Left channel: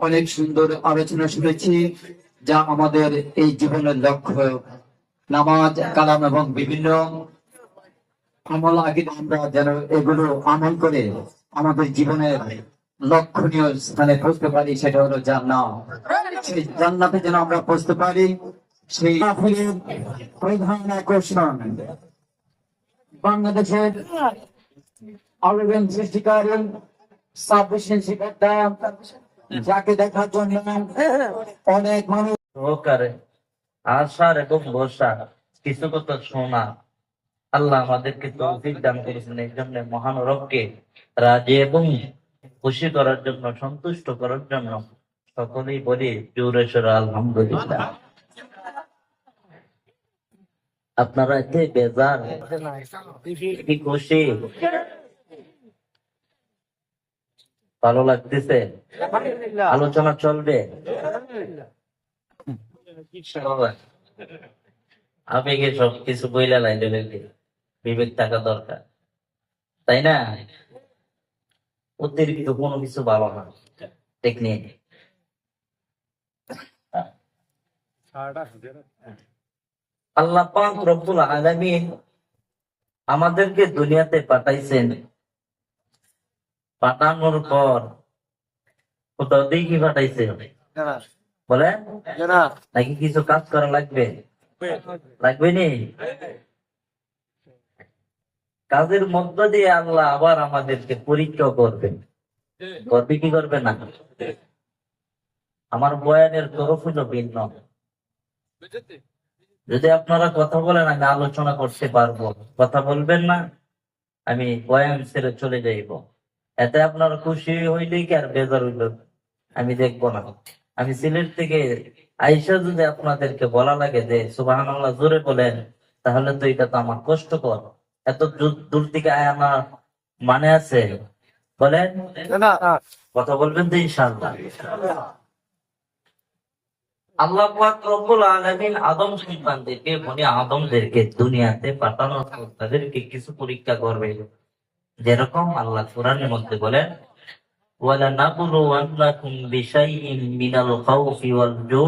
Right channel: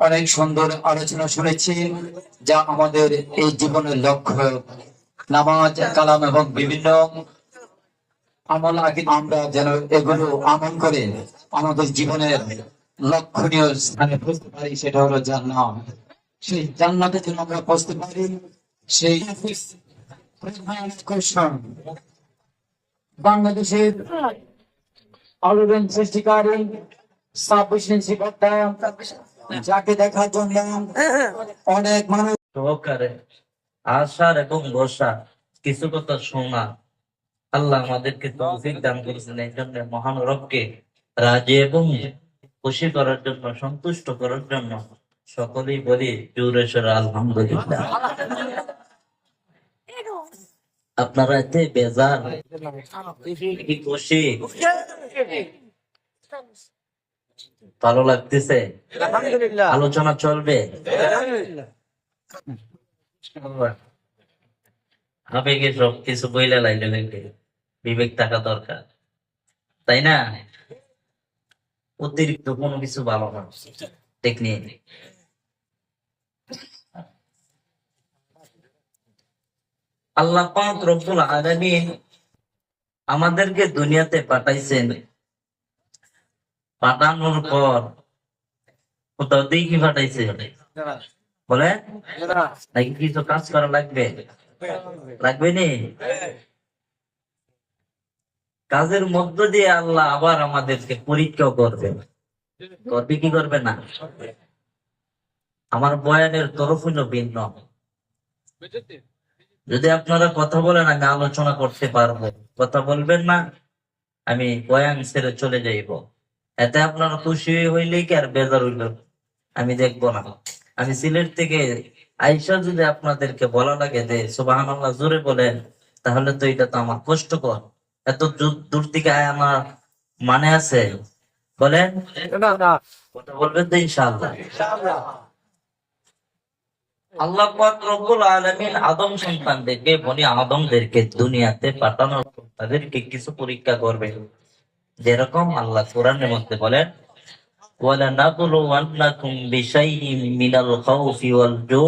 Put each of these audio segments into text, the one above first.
অনেক সুন্দর আলোচনা শুনেছি, যা আমাদের এই জীবনের লক্ষ্য। নামাজ কালাম এবং বিভিন্ন আমল আগে আমরা যেন এগুলো আমল করে আমাদের জীবনের লক্ষণীয় স্থানে পৌঁছতে পারি, সেটা হলো জান্নাত। সেই জান্নাতে যেন আমরা পৌঁছতে পারি, সেই মাহফিলের প্রধান আকর্ষণ বাংলাদেশের আলোড়ন সৃষ্টিকারী 26 ইঞ্চি পর্দা, যাকে দেখার জন্য অনেক মানুষ সহকারে আশার এবং বসা কিছু কথা শোনা আল্লাহ আমাদেরকে তৌফিক দান করেছেন। এই জন্য মহান রবকে রাজি এবং খুশি করার জন্য, সন্তুষ্ট করার জন্য সকলেই বলি জোরে সোরে আলহামদুলিল্লাহ। আপনারা এতে বেজার কি খুশি, ভালো লাগতেছে? আলোচনা চলবে, আবেগে সব কিছু বইলে লাইলে দেখবে, বিবেক থাকা দরকার, তাই না? অতিরিক্ত কোনো কিছু ভালো না, ঠিক নেই। আল্লাহ পাক রব্বুল আলামিন আমাদেরকে দুনিয়াতে পাঠাইছেন। পাঠানোর পর কোথাও দেখি পাঠাইছে বলে নাকি কিছু কাজ করা লাগবে, লাগবে নি? কাজের মধ্য দিয়ে আল্লাহ আবার আমাদেরকে পরীক্ষা করবেন, করবে কি করবে না? আমার বয়ানের তরফ হলো ভিন্ন। যদি আপনারা কথা বলেন আমি আলোচনা করতে পারবো, কথা বলবেন না আমি বয়ান ছেড়ে চলে যাইব। এতে আপনারা খুশি হইলেই কি আর বেজার হইল আমি দেখবো না। আমি সিলেট থেকে আইসা যদি আপনাদেরকে বলা লাগে যে সুবহানাল্লাহ জোরে বলেন, তাহলে তো এটা তো আমার কষ্টকর। এত দূর থেকে আয় আমার মানে আছে? বলেন কথা বলবেন তো ইনশাআল্লাহ। আল্লাহ পাক রব্বুল আলামিন আদম সন্তানদেরকে, বনি আদমদেরকে দুনিয়াতে পাঠানোর পর তাদেরকে কিছু পরীক্ষা করবে। যেরকম আল্লাহ কোরআনের মধ্যে বলেন ওয়ালানাবলুওয়ান্নাকুম বিশাইইম মিনাল খাউফি ওয়াল জু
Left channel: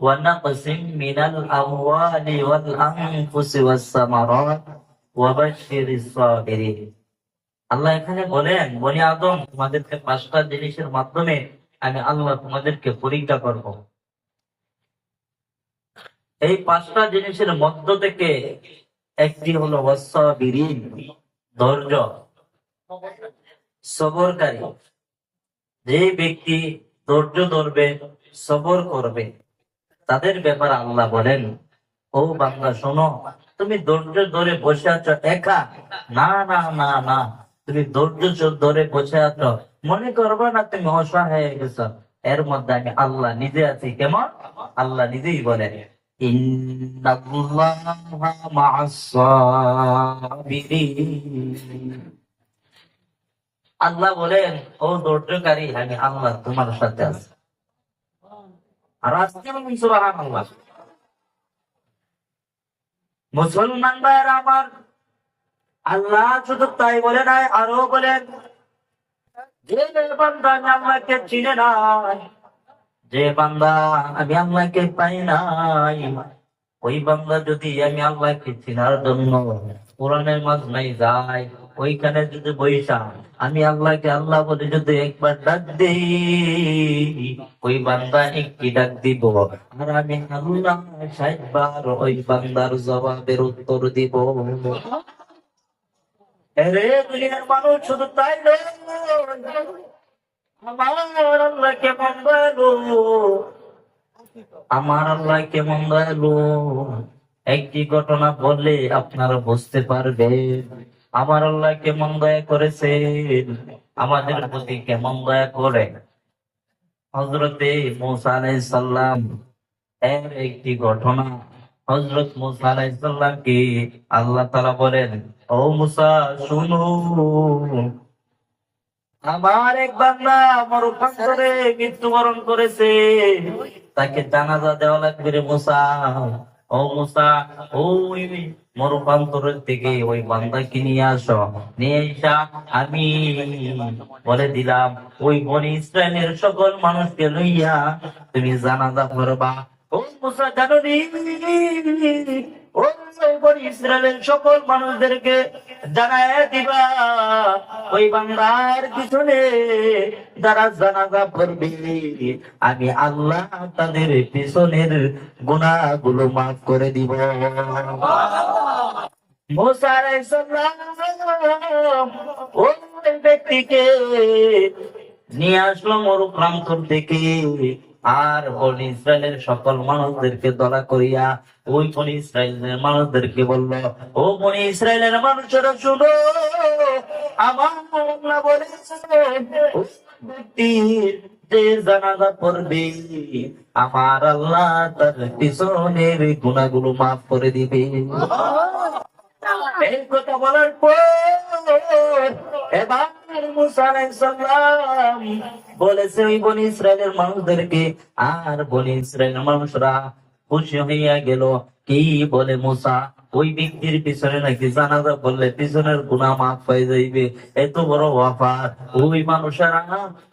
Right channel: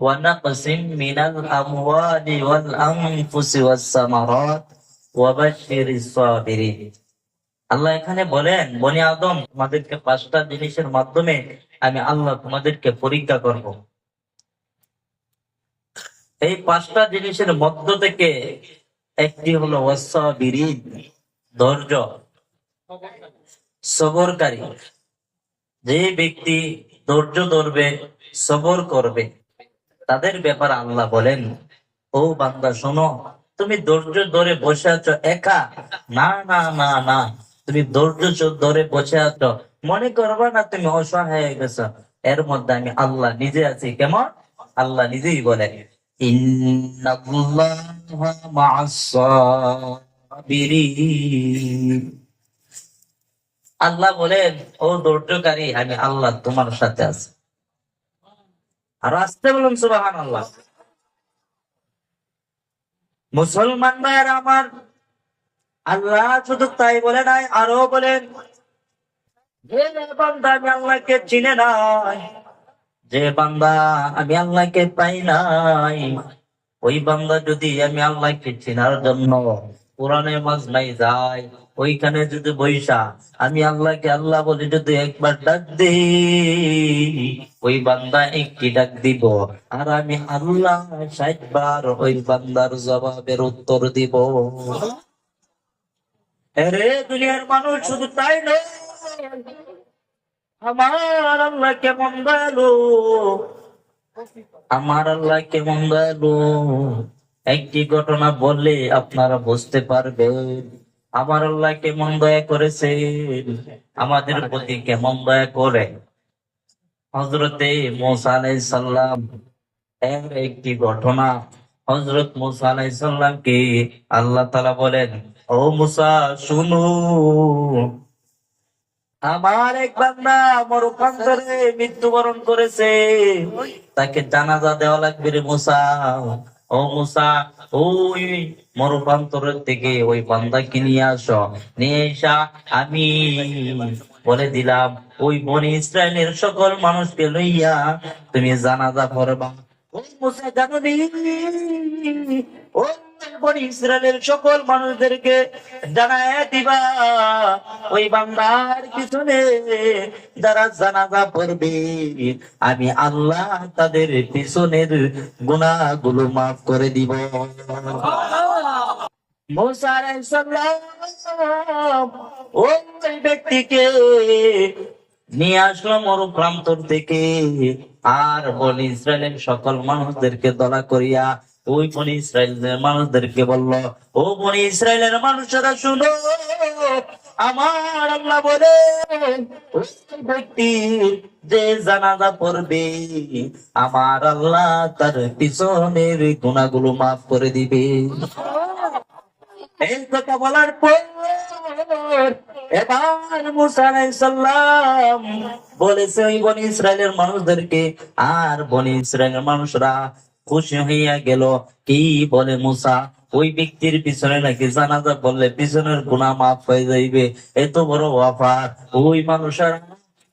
ওয়া নাকসিম মিনাল আমওয়ালি ওয়াল আনফুসি ওয়াস সামারাত ওয়া বাশশিরিস সাবিরিন। আল্লাহ এখানে বলেন বনি আদম তোমাদেরকে 5টা জিনিসের মাধ্যমে আমি আল্লাহ তোমাদেরকে পরীক্ষা করব। এই 5টা জিনিসের মধ্য থেকে একটি হলো ওয়াসসাবিরিন, ধৈর্য, সবরকারী। যে ব্যক্তি ধৈর্য ধরবে, সবর করবে, তাদের ব্যাপারে আল্লাহ বলেন ও বান্দা শোনো, তুমি ধৈর্য ধরে বসে আছো একা, না না না না, তুমি ধৈর্য ধরে বসে আছো, মনে করবা না তুমি অসহায় হয়ে গেছো। এর মধ্যে আমি আল্লাহ নিজে আছি। কেমন? আল্লাহ নিজেই বলেন ইন্নাল্লাহা মা'আস সাবিরিন। আল্লাহ বলেন ও ধৈর্যকারী, আমি আল্লাহ তোমার সাথে আছি। আর আসতে বলুন সুবহানাল্লাহ। মুসলমান ভাইয়েরা আমার, আল্লাহ শুধু তাই বলে নাই, আরো বলেন যে বান্দা আমি আল্লাহকে চিনে নাই, যে বান্দা আমি আল্লাহকে পাই নাই, ওই বান্দা যদি আমি আল্লাহকে চেনার জন্য কোরআনের মাজমাই যায়, ওইখানে যদি বৈশা আমি আল্লাহকে আল্লাহ বলে যদি একবার ডাক দিই, ওই বান্দা একটি ডাক দিব, আর আমি আল্লাহ 60 বার ওই বান্দার জবাবের উত্তর দিব। আরে দুনিয়ার মানুষ শুধু তাই নয়, আমার আল্লাহ কেমন ভালো, আমার আল্লাহ কেমন দয়ালু। একটি ঘটনা বললে আপনারা বুঝতে পারবেন আমার আল্লাহ কেমন দয়া করেছেন, আমাদের প্রতি কেমন দয়া করে। হযরতে মূসা আলাইহিস সালাম এর একটি ঘটনা। হযরত মূসা আলাইহিস সালামকে আল্লাহ তাআলা বলেন ও মূসা শুনো, আমার এক বান্দা মরুপ্রান্তরে মৃত্যুবরণ করেছে, তাকে জানাজা দেওয়া লাগবে রে মূসা। ও মুসা, ওই মরুপ্রান্তরের থেকে ওই বান্দাকে নিয়ে আসো, নিয়ে এসা আমি বলে দিলাম ওই বনি ইসরায়েলের সকল মানুষকে লইয়া তুমি জানাজা পড়বা। ও মুসা জানো নি, ও বনি ইসরায়েলের সকল মানুষদেরকে জানায় দিবা ওই বান্দার পিছনে যারা জানাজা পড়বে আমি আল্লাহ তাদের পিছনের গুনাহগুলো মাফ করে দিব। মুসা আলাইহিস সালাম ওই ব্যক্তিকে নিয়ে আসলো মরুপ্রান্তর থেকে, আর বনি ইসরায়েলের সকল মানুষদেরকে দলা করিয়া ওই বনি ইসরায়েলের মানুষদেরকে বলল, ও বনি ইসরায়েলের মানুষেরা শুনো, আমার আল্লাহ বলে ওই ব্যক্তির যে জানাজা পড়বে আমার আল্লাহ তার পিছনের গুনাহগুলো মাফ করে দিবে। এই কথা বলার পর এবার মুসা আলাইহিস সালাম বলেছে ওই বনি ইসরায়েলের মানুষদেরকে, আর বনি ইসরায়েলের মানুষরা খুশি হইয়া গেল। কি বলে মুসা, ওই ব্যক্তির পিছনে নাকি জানাজা পড়লে পিছনের গুনাহ মাফ হয়ে যাইবে, এত বড় ওয়াফার। ওই মানুষেরা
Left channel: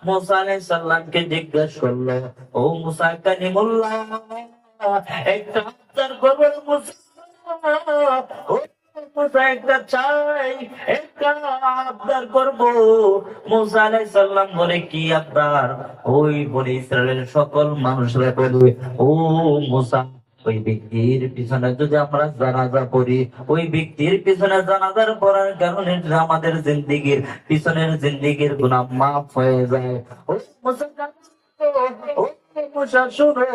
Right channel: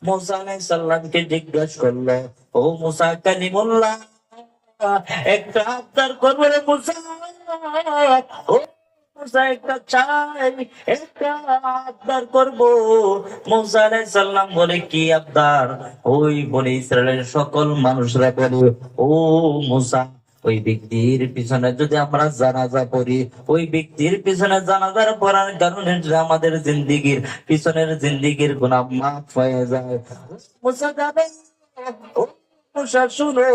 মুসা আলাইহিস সালামকে জিজ্ঞাসা করলো, ও মুসা কালিমুল্লাহ, একটা আবদার করবো রে মুসা, ও মুসা একটা চাই, একটা আবদার করবো। মুসা আলাইহিস সালাম বলে, কি আবদার? ওই বনি ইসরায়েলের সকল মানুষরা বলে, ও মুসা, ওই ব্যক্তির পিছনে যদি আমরা জানাজা পড়ি, ওই ব্যক্তির পিছনে জানাজার পড়ার কারণে যদি আমাদের জিন্দিগির পিছনের জিন্দিগির গুনাহ মাফ হয়ে যায়। ও মুসা যাবে, ও মুসা শুনো,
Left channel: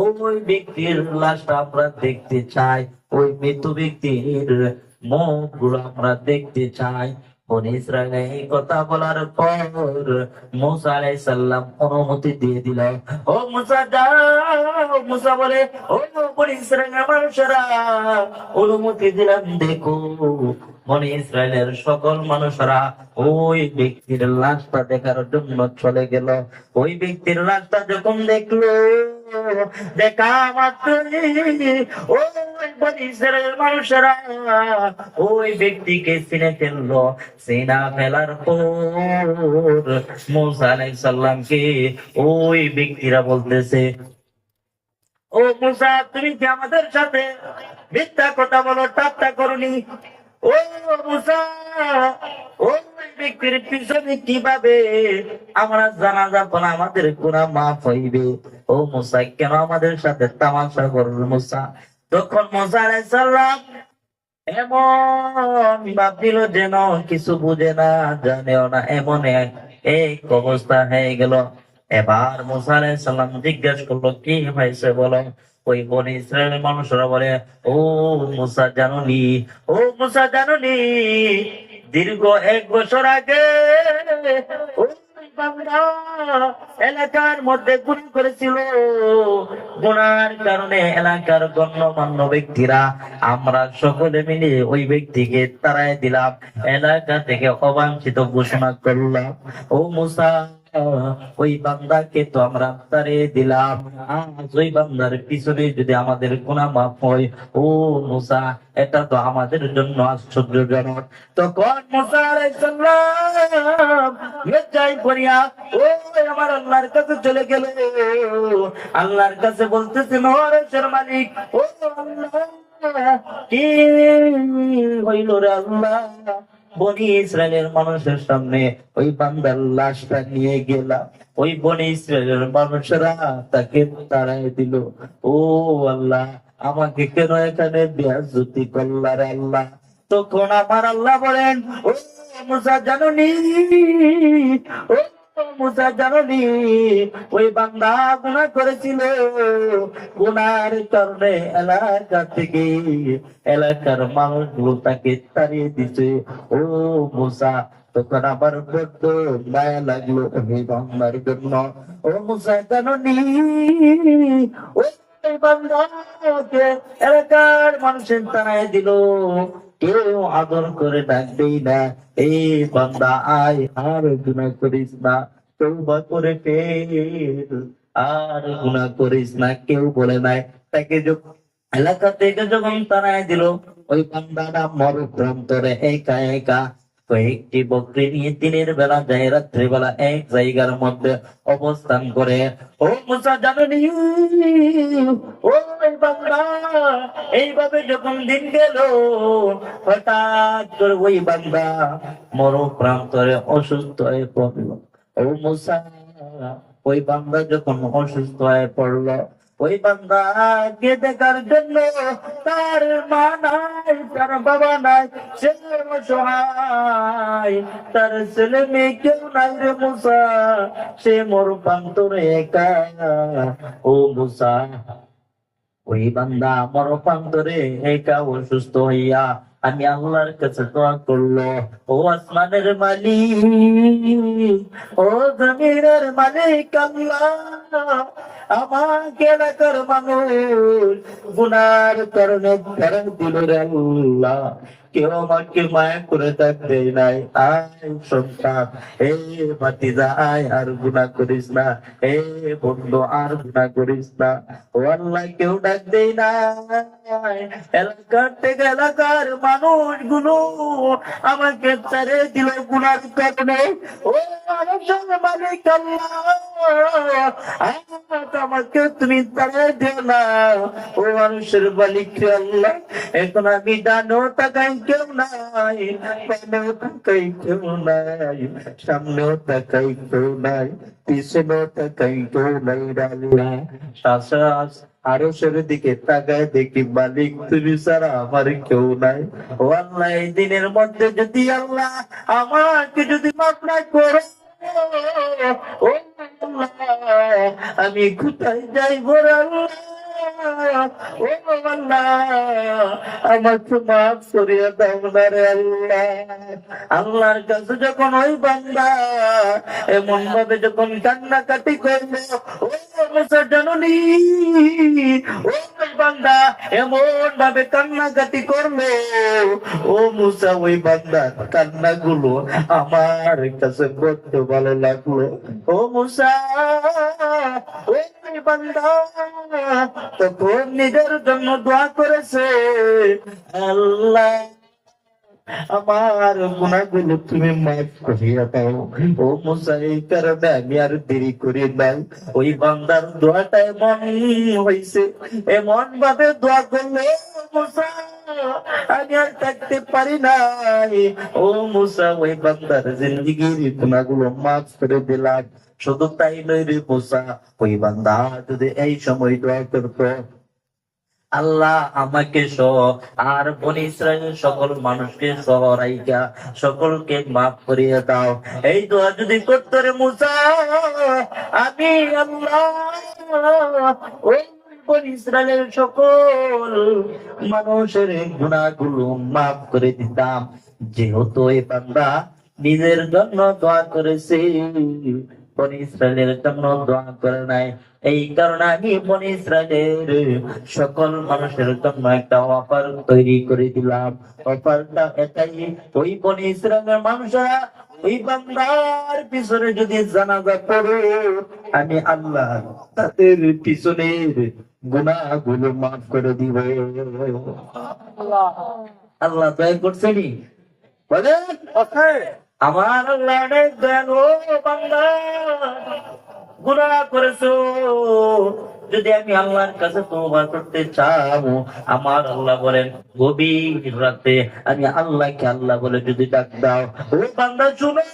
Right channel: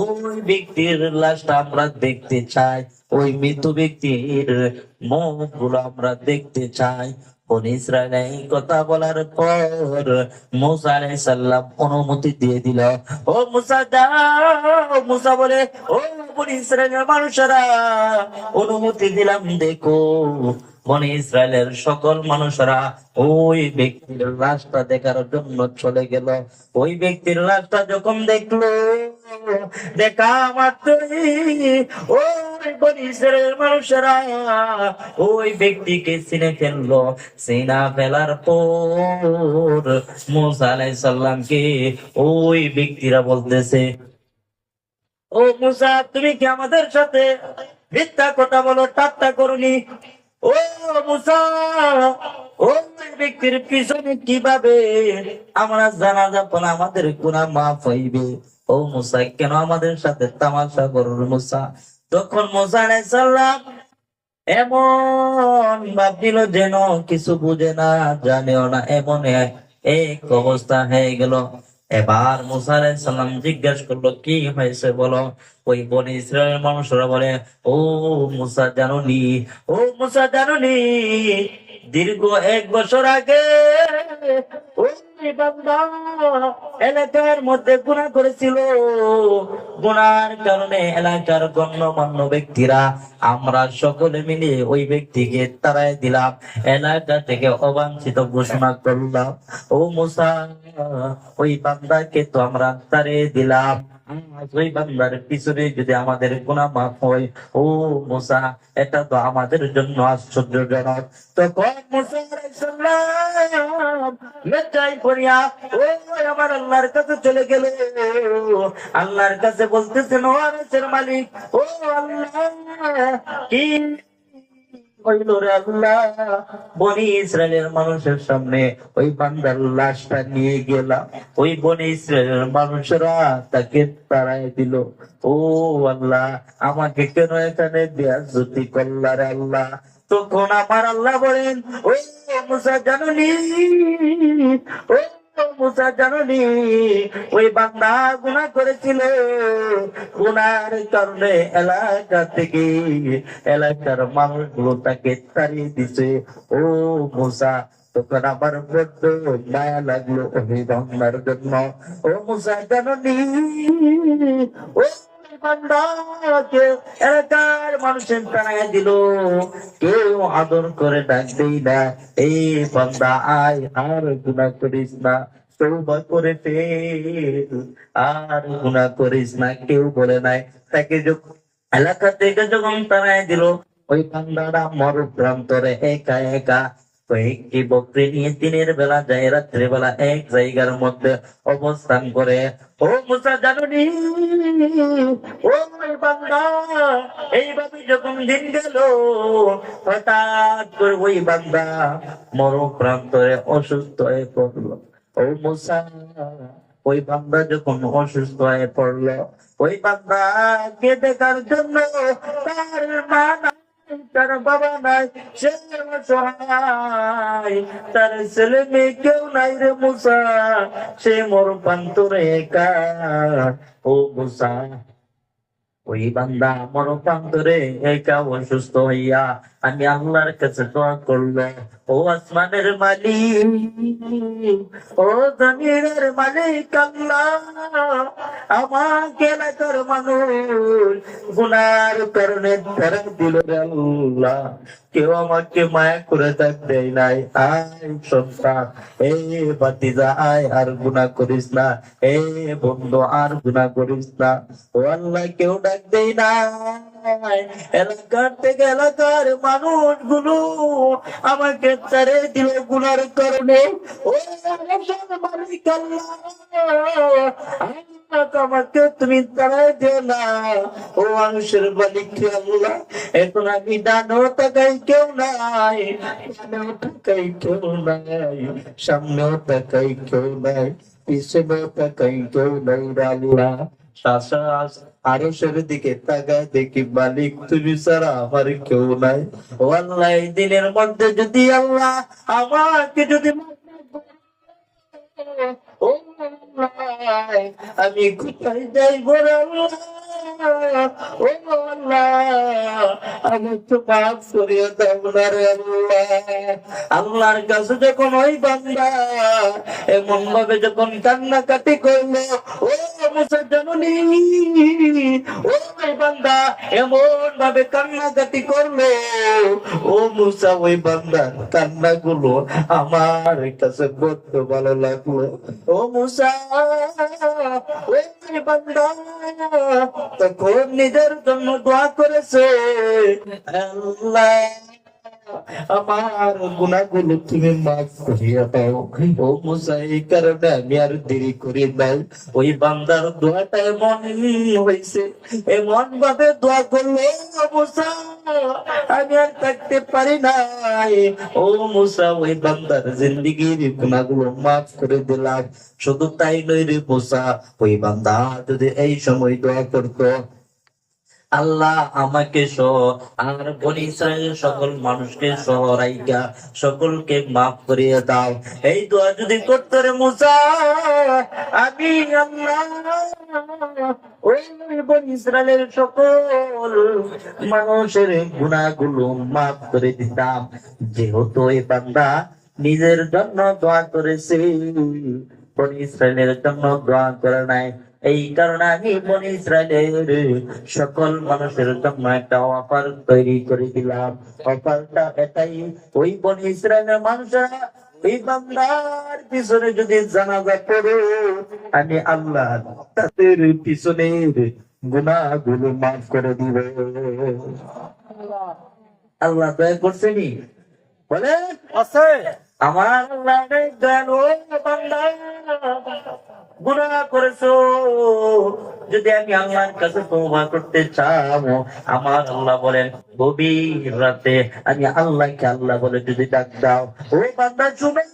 ওই ব্যক্তির লাশটা আমরা দেখতে চাই, ওই মৃত ব্যক্তির মুখগুলো আমরা দেখতে চাই। বনি ইসরায়েল এই কথা বলার পর মুসা আলাইহিস সালাম অনুমতি দিয়ে দিল। ও মুসা যাও। মুসা বলে, ও বনি ইসরায়েলের মানুষেরা, অনুমতি দিলাম, দেখো বনি ইসরায়েলের সকল মানুষরা ওই ব্যক্তির লাশটা দেখার জন্য চলে গেল। ওই ব্যক্তির লাশটা যখন দেখলো, দেখা মাত্রই ওই বনি ইসরায়েলের মানুষেরা ওই ব্যক্তিকে চিনে ফেললো। চিনা ফেলার পর মুসা আলাইহিস সালামকে ওই ব্যক্তিরা বলতেছে, ও মুসা, তুমি কি আমাদের সাথে মিথ্যা কথা বলো, ঠাট্টা করনি? ও মুসা, ওই ব্যক্তির পিছনে কিভাবে আমরা জানাজা পড়া আমাদের গুনাহ মাফ হইবে? ও মুসা, কেন আমাদের সাথে তামাশা করল? মুসা তখন মুসা আলাইহিস সালাম এমন ভাবছিল যেন কিছু বুঝে না, জানেও না, এমন এক অবস্থা হয়ে গেল। এবার মুসা আলাইহিস সালাম জিজ্ঞাসা করলো, কি হয়েছে বলো? ওই বনি ইসরায়েলের মানুষরা বলে, ও মুসা জানুনি, ও মুসা জানুনি, দীর্ঘ 1 বছর আগে ওই বান্দা এলাকার মধ্যে গুনাহ করেছিল। গুনার কারণে এলাকার গণ্যমান্য ব্যক্তিরা আমরা সকলে মিলে ওই ব্যক্তিকে তাড়াই দিলাম, এলাকা থেকে অবাঞ্ছিত ঘোষণা করলাম। ও মুসা, ওই বান্দাকে তো আমরা তাড়িয়ে দিলাম, আজ ওই বান্দার পিছনে যদি আমাদের গুনাহ মাফ হয়, ও মুসা, এটা তো আমাদের জন্য আশ্চর্যজনক। তখন মুসা আলাইহিস সালাম লজ্জায় পড়িয়া ও আমার আল্লাহর কাছে চলে গেল। আল্লাহর কাছে বলতেছেন, ও আরশের মালিক, ও আল্লাহ, কি হইল রে আল্লাহ? বনি ইসরায়েলের মানুষের সামনে ওই বান্দার লাশটা নিয়ে গেলাম, ওই বনি ইসরায়েলের মানুষরা তাকে তাড়াই দিল। ও আল্লাহ, আমাকে কেন এখানে বেয়াজ্জতি করলা রে আল্লাহ? তখন আমার আল্লাহ বলেন, ও মুসা জানুনি, ও মুসা জানুনি, ওই বান্দা গুনাহ করেছিল, গুনার কারণে এলাকা থেকে এলাকার মানুষগুলো তাকে তাড়িয়ে দিছে। ও মুসা, তখন আবার বড্ড মায়া লাগলো ওই বান্দার জন্য। ও মুসা জানুনি, ও বান্দাকে এলাকার মানুষের তাড়াইয়া দিল, কেউ আদর করে ডাকবেই না। এই বান্দা আয়, আর গুনাহ করিস না, তওবা করে ফেল, আর গুনাহ করিস না। কেউ বলে নাই তাকে এলাকা থেকে যখন তারাই দিল, ওই বান্দাটা মরুপ্রান্তরে একা একা কয়েকটি বকরি নিয়ে দিনের বেলা যায়, রাত্রে বেলা এক জায়গার মধ্যে অবস্থান করে। ও মুসা জানুনি, ও বান্দা, এইভাবে যখন দিন গেল, হঠাৎ করে ওই বান্দা মরুপ্রান্তরে অসুস্থ হয়ে পড়লো। ও মুসা, ওই বান্দা যখন অসুস্থ হয়ে পড়লো, ওই বান্দাকে দেখার জন্য তার মা নাই, তার বাবা নাই, সে অসহায়, তার ছেলে মেয়ে কেউ নাই রে মুসা, সে মরুপ্রান্তরে একা। ও মুসা, ওই বান্দা মরুপ্রান্তরে একা অসুস্থ হইয়া আমি আল্লাহর কাছে দোয়া করলো, ও আসমানের মালিক, ও জমিনের মালিক আল্লাহ, আমাকে এলাকার মানুষ গুনার কারণে তারা দিল রে আল্লাহ, কেউ আমাকে মায়া করে থাকতে নাই। আয় সন্তান, এ বাতিজা, আয় আর গুনাহ করিস না, এ বন্ধু আর গুনাহ করিস না। ও আল্লাহ, কেউ ডাক দেই নাই, এলাকার থেকে এলাকার মানুষগুলো আমাকে ছেড়ে দিল গুনার কারণে। ও আরশের মালিক আল্লাহ, আমাকে তুমি তাড়াই দিও না। ও মানুষের মালিক আল্লাহ, এখন আমি ডানো তাকাই কেউ নাই, বামেও তাকাই কেউ নাই, সামনেও তাকাই কেউ নাই, পিছনেও তাকাই কেউ নাই রে আল্লাহ। শাসরাস আরশের দিকে তাকায় দেখি মালিক তুমি ছাড়া আমার কেউ নাই। ও আল্লাহ, এই দিনের মধ্যে যদি আল্লাহ আমাকে যদি মাফ না করো, ও আল্লাহ, আমি কোথায় যাইব রে আল্লাহ? ও আল্লাহ, আমাকে মাফ করিয়ে দাও না রে আল্লাহ। আল্লাহর কাছে যখন ওই বান্দা এমন ভাবে যখন কান্নাকাটি করলো, ও মুসা জানুনি, ও ওই বান্দা এমন ভাবে কান্নাকাটি করলো, ও মুসা, ওই বান্দার কান্নাগুলো আমার কাছে বড্ড ভালো লাগলো। ও মুসা, ওই বান্দা তখন নিজের জন্য দোয়া করেছে, আল্লাহ আমার গুনাহগুলো তুমি মাফ করিয়া দাও। ও মুসা, এই কারণে আমি আর দেরি করি নাই। ওই বান্দার দোয়াটা এমন হয়েছে, এমন ভাবে দোয়া করলো, ও মুসা, আমি আর থাকতে পারি নাই। ও মুসা, ওই বান্দার জিন্দেগির গুনাহগুলো মাফ করে দিলাম। শুধু তাই নয় রে মুসা, ওই বান্দা যদি এই সময় দোয়া করতো, আল্লাহ আমাকে সহ আর বনি ইসরায়েলের সকল মানুষকে সহ রাইখা সকলকে মাফ করিয়ে দাও, এই দোয়া যদি করতো রে মুসা, আমি আল্লাহ ওই বনি ইসরায়েলের সকল মানুষের গুনাহগুলো মাফ করে দিতাম। যেহেতু এই বান্দা নিজের জন্য দোয়া করেছে, বনি ইসরায়েলের জন্য দোয়া করে নাই, এই কারণে আমি বনি ইসরায়েলের সকল মানুষের জন্য একটা অফার তৈরি করে দিলাম। অফারটা এটাই, ওই বনি ইসরায়েলের মানুষরা ওই বান্দার পিছনে যদি জানাজা পড়ে, আমি আল্লাহ তাদের পিছনের গুনাহগুলো মাফ করে দিব। আল্লাহ দয়া করছেনি, বলে আছে আমার আল্লাহ অনেক দয়ালু। বান্দা গুনাহ করেছো, যদি আমি আল্লাহর কাছে তওবা করতে চাও, আমার আল্লাহ বলেন গভীর রাতে আমি আল্লাহকে আল্লাহ বলে যদি ডাক দাও, ও বান্দা শুনো,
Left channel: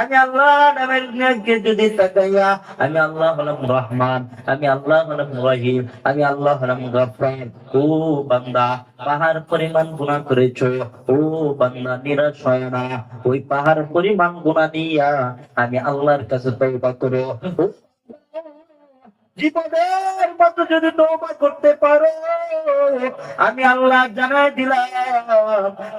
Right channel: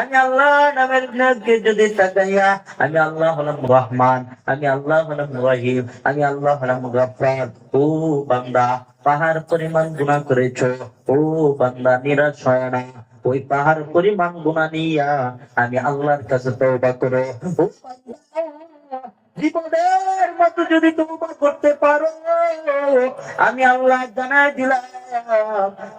আমি আল্লাহ নামের নামকে যদি তাকাইয়া, আমি আল্লাহ হলাম রহমান, আমি আল্লাহ হলাম রহিম, আমি আল্লাহ হলাম গফফার। ও বান্দা, পাহাড় পরিমাণ গুনাহ করেছো, ও বান্দা নিরাশ হয় না, ওই পাহাড় পরিমাণ গুনাহ নিয়া আমি আল্লাহর কাছে তওবা করো। ও বান্দা, জীবনের মতো যদি তওবা করতে পারো, আমি আল্লাহ জানাই দিলাম,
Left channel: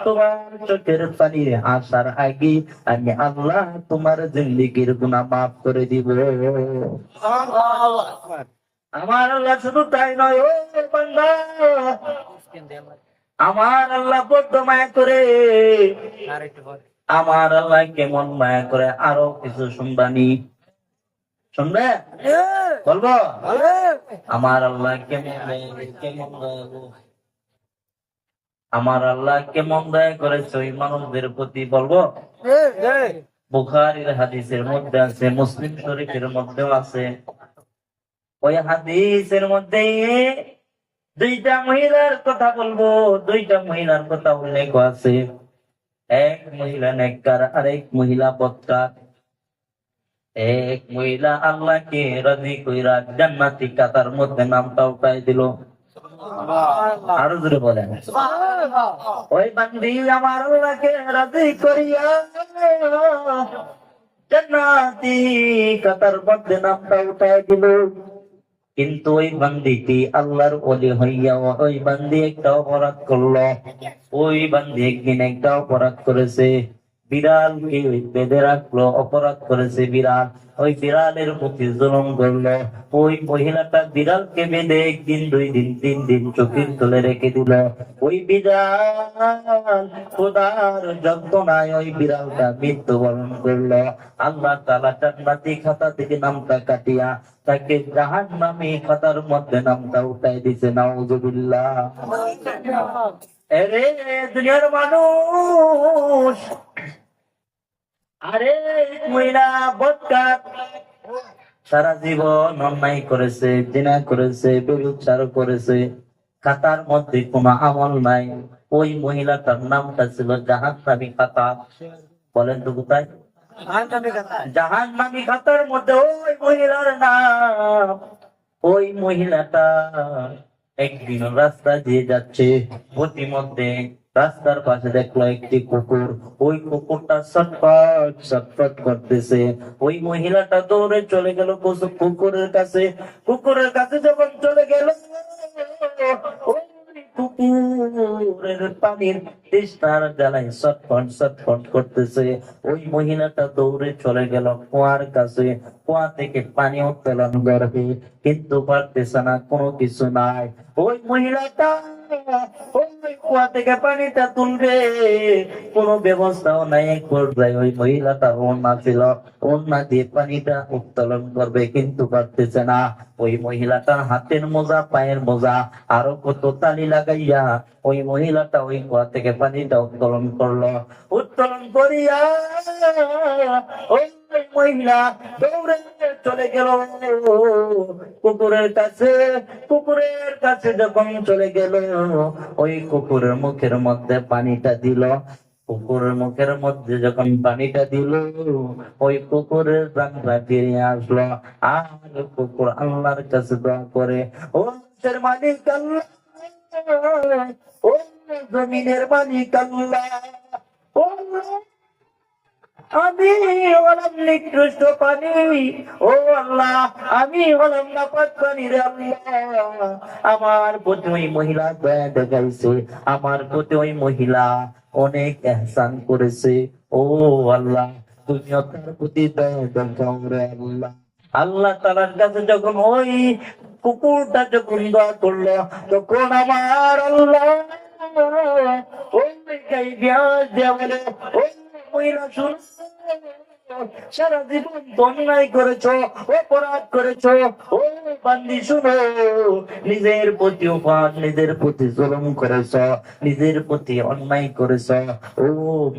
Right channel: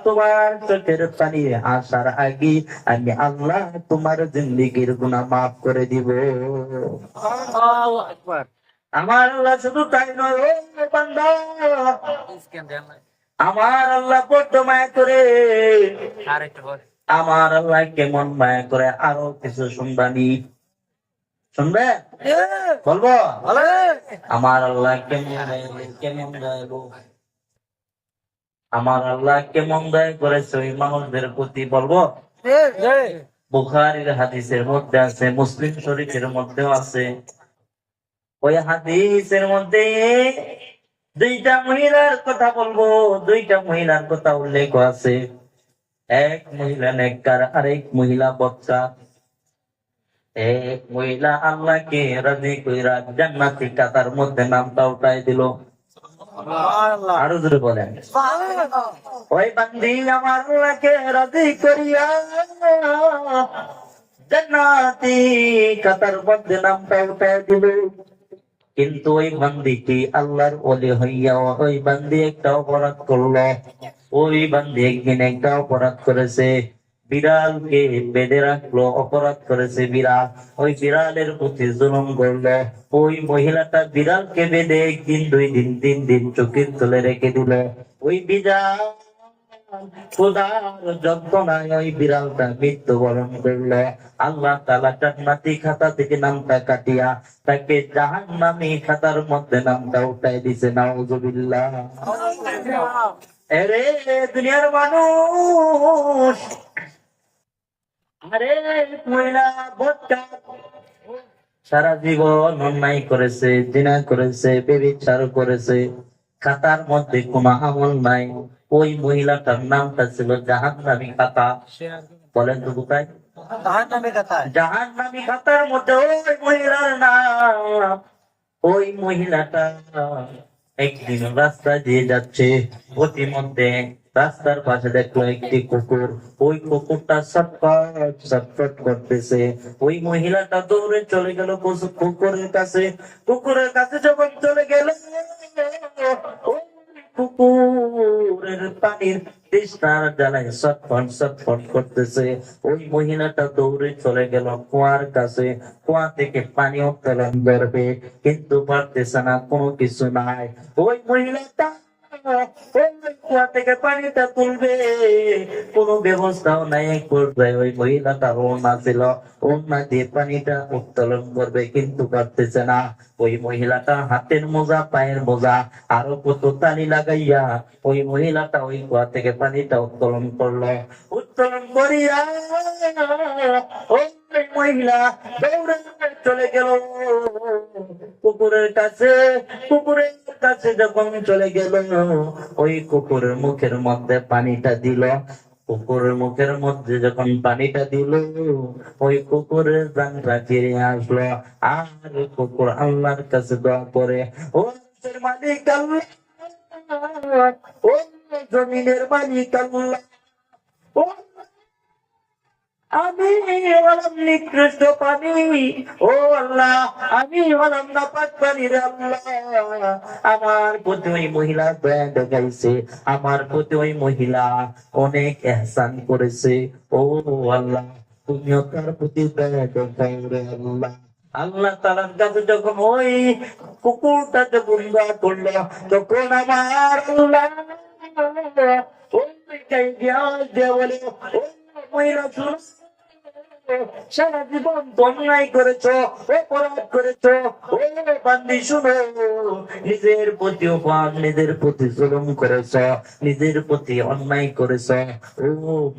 তোমার চোখের পানি আসার আগে আমি আল্লাহ তোমার জিন্দেগির গুনাহ মাফ করে দিব। আমার আল্লাহ শুধু তাই নয়, ও বান্দা, আমার আল্লাহ বড্ড মায়া করে, আমার আল্লাহ কেমন মায়া করে আরো কিছু শুনবানি। শুনবে? বলবো? আমার আল্লাহ কেমন কেমন দয়ালু, আমার আল্লাহ কেমন দয়া করেছে ওই মানুষদের প্রতি বলবো? বুখারীর হাদিসের মধ্যে আছে, মুসলিম শরীফের মধ্যেও আছে। ওই হাদিসের মধ্যে দুইটা মহিলার কথা বলবো, দুইটা মহিলার কথা উল্লেখ আছে। এক মহিলা নেককার, আরেক মহিলা বদকার। এক মহিলা আল্লাহকে রাজি কইরা জান্নাতি কাতার মধ্যে নামটা উঠাই দিল। আরো জোরে বলেন। ওই বান্দি আমার আল্লাহকে রাজি করিয়া জান্নাতি কাতার মধ্যে নামটা উঠাই দিল। কিন্তু ওই বান্দিটি আল্লাহর ওলি হইয়া ওই বান্দি একটা অপরাধ করলো। ওই বান্দি একদিন একটা অপরাধ করেছে, বিড়ালকে বেঁধে রাখলো, অপরাধ করেছে বিড়াল। ওই বিড়ালের প্রতি জুলুম করলো। ওই মহিলাটা বিড়ালকে বেঁধে একদিন, 2 দিন, 3 দিন চোখের তলে রেখে দিল। ওই বিড়াল খোদার যন্ত্রণায় ওই বিড়ালটা মৃত্যুবরণ করলো। আল্লাহ তাআলা জান্নাতি খাতা থেকে নামটা কাটিয়া তাকে জাহান্নামী খাতার মধ্যে নামটা উঠাই দিছে। নাউজুবিল্লাহ। আরে দুনিয়ার মানুষ, আরে মহিলা বদকার সারা জীবন অন্যায় করেছে, জিনা করেছে, ব্যভিচার করেছে, খাতার মধ্যে কোনো আমল নাই। ওই মহিলাটার নামটা ছিল জাহান্নামী খাতা। বলেন তো কোথায়? জাহান্নামী খাতার মধ্যে ওই মহিলার নাম। ওই মহিলাটা একদিন রাস্তা দিয়ে যাচ্ছে, পথিমধ্যে রাস্তার পাশে দেখলো একটি কুকুর। ওই কুকুরটা ছটফট ছটফট করতেছে। ওই মহিলাটা দৌড়ে চলে গেল কুকুরের কাছে। কুকুরের কাছে যখন চলে গেল, ওই কুকুরের পানির তৃষ্ণার জ্বালায় ছটফট ছটফট করতেছে। ওই মহিলাটা দৌড়ে চলে গেল কুয়ার কাছে। কুয়া থেকে পানি উত্তোলন করবে, কিন্তু পারতেছে না, কোনো কিছু নাই। ওই মহিলাটা ওই কুয়া থেকে পানিটা তুলবে, কোনো ব্যবস্থাও নাই। এক পর্যায়ে ওই মহিলাটার ওড়না ছিল, ওড়না দিয়ে পানিটা উত্তোলন করবে, কিন্তু পারতেছে না। ওই মহিলাটা হাতের মোজা, পায়ের মোজা, আরো কত তালি লাগাইয়া ওই মহিলাটা ওই কুয়া থেকে পানিটা উত্তোলন করলো। উত্তোলন করিয়া ওই মহিলা দৌড়ে চলে গেল কুকুরের কাছে। কুকুরের কাছে যখন চলে গেল, ওই কুকুরের মুখের মধ্যে পানিটা দিল। কুকুরের মুখের মধ্যে যখন পানিটা দিল, ওই কুকুরের প্রাণটা ফিরে আসলো। আর কুকুর আল্লাহর কাছে দোয়া করে, ও আরশের মালিক আল্লাহ, ও জমিনের মালিক আল্লাহ, ও আমি হলাম নিকৃষ্ট পানি, ও আল্লাহ আমি হলাম নাপাক পানির আল্লাহ। আমার প্রতি ওই মহিলা দয়া দেখাইছে, আমার প্রতি ওই মহিলা অনেক এহসান করেছে। ও আল্লাহ তুমিও তার প্রতি দয়া দেখাও রে আল্লাহ। আল্লাহ তাআলার কাছে যখন ওই কুকুরটা যখন দোয়া করলো, তখন আমার আল্লাহ ওই দিয়া বলে, ও মহিলা শুনো, সারা জীবন অন্যায় করেছো, অপরাধ করেছো। ও বান্দি শুনো, নিজের প্রতি অপরাধ, নিজের প্রতি জুলুম করেছো, নিজের প্রতি অন্যায় করেছো। ও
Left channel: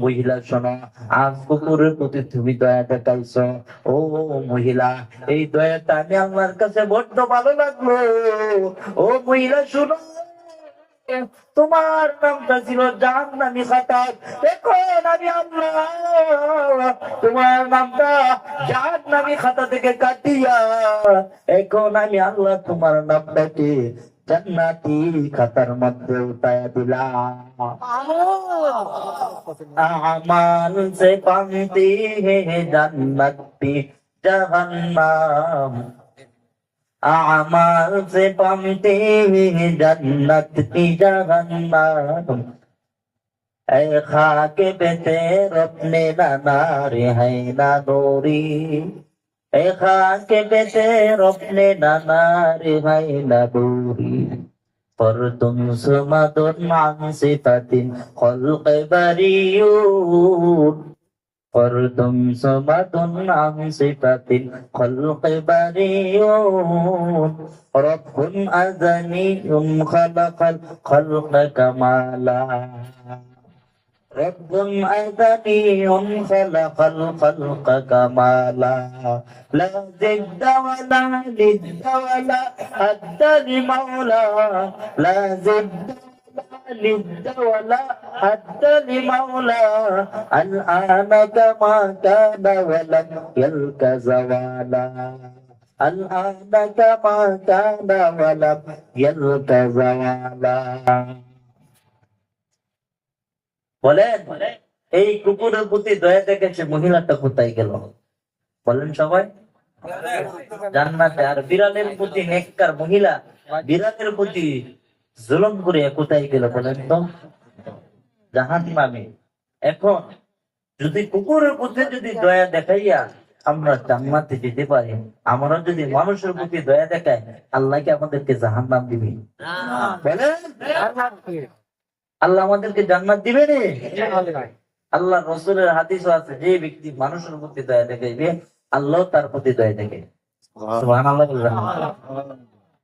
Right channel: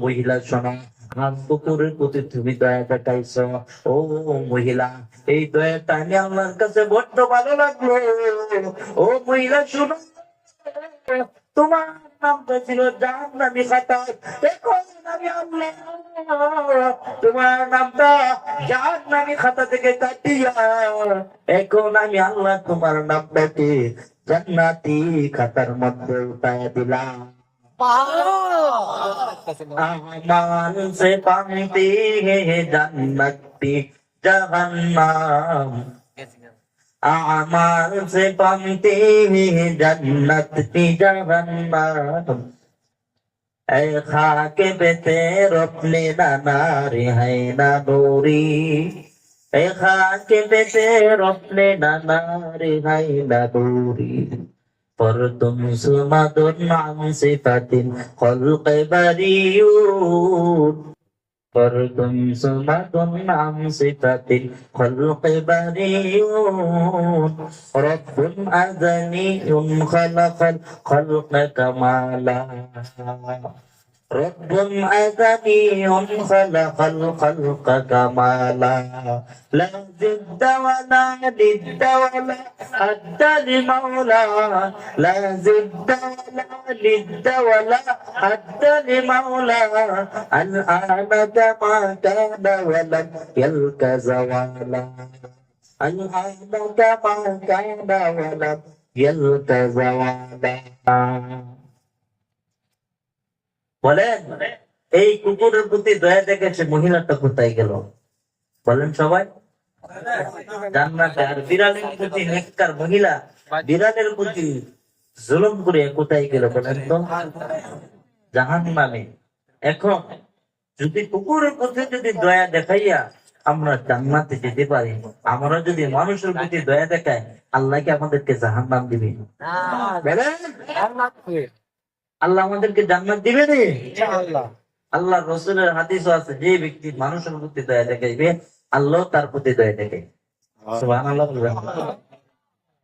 মহিলা শোনো, আজ কুকুরের প্রতি তুমি দয়া দেখাইছো। ও মহিলা, এই দয়াটা আমি আল্লাহর কাছে বড্ড ভালো লাগলো। ও মহিলা শুনো, তোমার নামটা ছিল জাহান্নামী খাতা, এখন আমি আল্লাহ তোমার নামটা জাহান্নামী খাতা থেকে কাটিয়া এখন আমি আল্লাহ তোমার নামটাকে জান্নাতি খাতার মধ্যে উঠাইয়া দিলাম। আমাল সে পান্তি হে জান্নাতি জাহান্নাম, आमाल से पाते हैं जन्नत की जहन्नम। ऐ खाके पे तेरे अपने नारे है ना नूरी, ऐ खाके पे तेरे अपने नारे है ना नूरी। पर तुम सुमदुन आन सिफतिन खल्क़ बरीयून, فرد صمد عن صفة الخلق بريء رب أزلي خلق الخلق كمالا رب أزلي خلق الخلق كمالا لا ضد ولا ند ولا حد لمولى لا ضد ولا ند ولا حد لمولى الآن كما كان ولم يلك زوالا الآن كما كان ولم يلك زوالا বলেন এই কুকুরের প্রতি দয়া দেখেছে মহিলাটা কোথায় গেল বলেন সবাই জান্নাতে। আর বিড়ালের প্রতি নেককার মহিলা বিড়ালের প্রতি জুলুম করে কোথায় গেল বলেন তো জাহান্নামে। এখন যদি কুকুরের প্রতি যদি দয়া দেখাইয়া আমরা জান্নাতে যেতে পারি, আমরা যদি মানুষের প্রতি দয়া দেখাই আল্লাহ কি আমাদেরকে জাহান্নাম দিবে? বলেন আল্লাহ আমাদেরকে জান্নাত দিবে রে? আল্লাহ রসুলের হাদিসও আছে, যে ব্যক্তি মানুষের প্রতি দয়া দেখাইবে আল্লাহ তার প্রতি দয়া দেখাইবে। সুবহানাল্লাহ।